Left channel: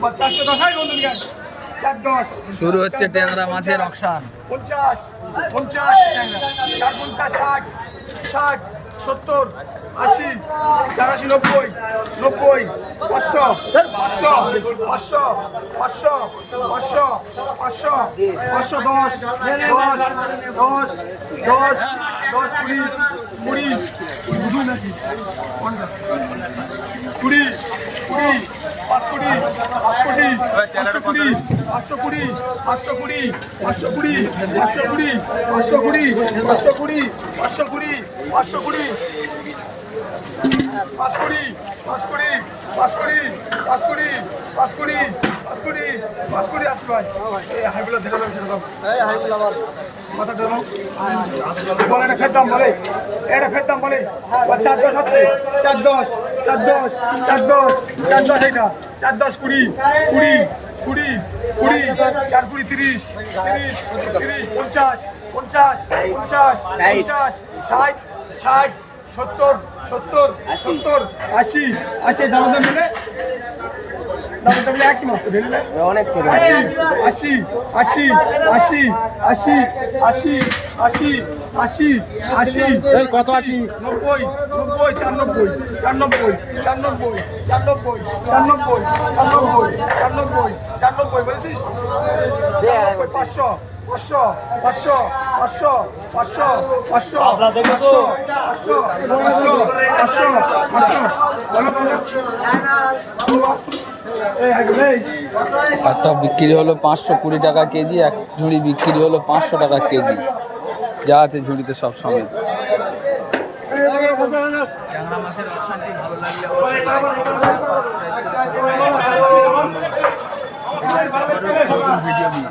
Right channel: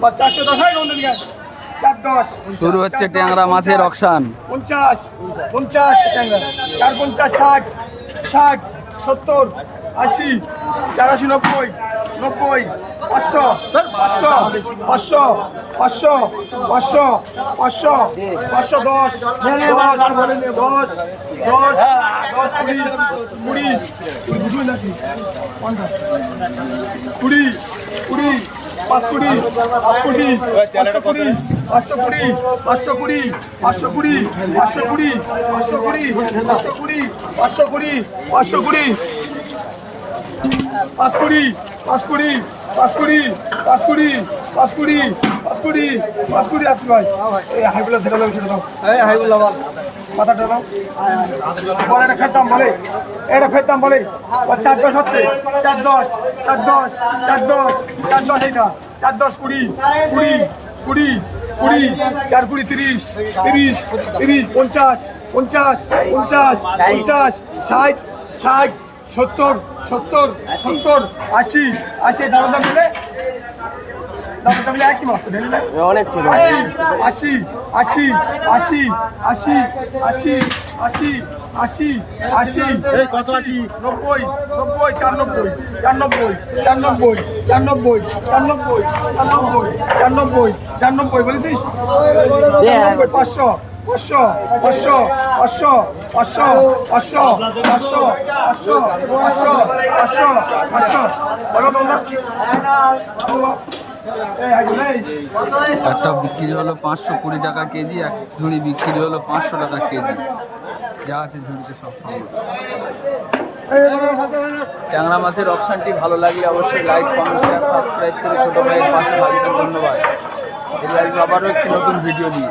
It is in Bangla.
410 শুরু হচ্ছে ট্যাংরা মাছের অকশান। 50 50 ট্যাংরা 450 60 60 70 80 84 90 90 500 500 500 500 500 500 510 10 20 20 নাকি 20 20 520 520 520 520 520 520 520 520 520 520 520 আসি ভাই এই হাইগুলা ছেড়ে দাও সেটা দাও এই হাইগুলা মাথাটা দাও বলে এটা খেতাম বলে এটা খেতাম বলে 410 হচ্ছে 410 410 410 410 এটা 410 20 20 20 20 4 20 30 30 30 50 50 50 50 60 60 70 70 70 80 80 দাম দাম মিলে দাম মিলে একই মাস তো দিলে অনেক ছোট 80 80 80 80 80 80 80 80 এই কত 80 90 90 94 94 94 94 94 94 বলেছিস 500 500 500 500 500 500 একটা বিক্রি হলো 520 টাকা কেজি, এক ঝুড়ি বিক্রি হলো 500 টাকা কেজি, যা আছে ঝুড়িতে সব সমেত। ট্যাংরা মাছের অকশানটি ভালো লাগলে অবশ্যই লাইক, কমেন্ট, শেয়ার, সাবস্ক্রাইব করে ছোটো ভাইয়ের পাশে থাকবেন। ধন্যবাদ। আবারও একটি নতুন ভিডিও নিয়ে।